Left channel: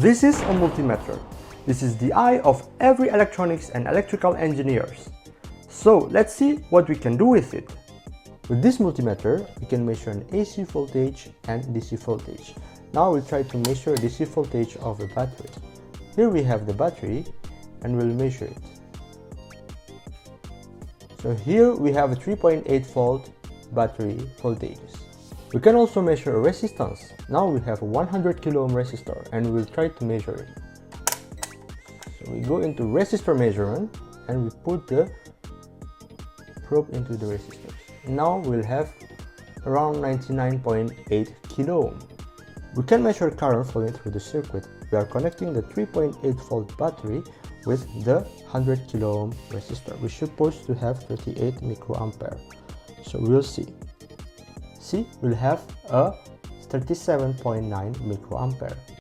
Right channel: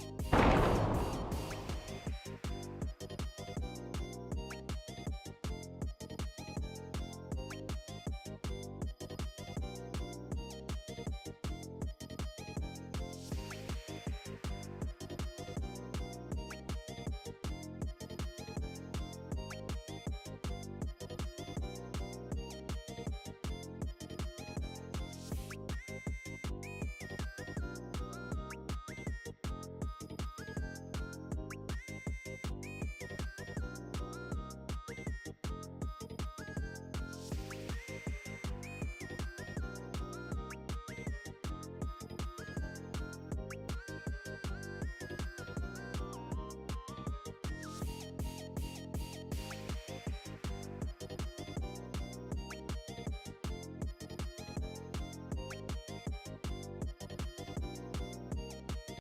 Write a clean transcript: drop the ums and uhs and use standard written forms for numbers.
This is a multimeter. This is the eye of every electronics and electrical engineers. So let's see what we can do with it. With this multimeter, we can measure an AC voltage and DC voltage. Now we'll try to measure DC voltage of a battery. Here we have the battery and we'll measure it. So here we have a 3.8 volt battery voltage. We can also measure a resistance. Now we have a 100 kilo ohm resistor and we'll try to measure it. So we go into resistor measurement and we put the probe into the resistor. Now we'll have around 99.8 kilo ohm. We can measure current flowing through the circuit. We are connecting the 3.8 volt battery with the 100 kilo ohm resistor. We're supposed to have 38 microampere. So we'll see. See, we'll have a 37.9 microampere.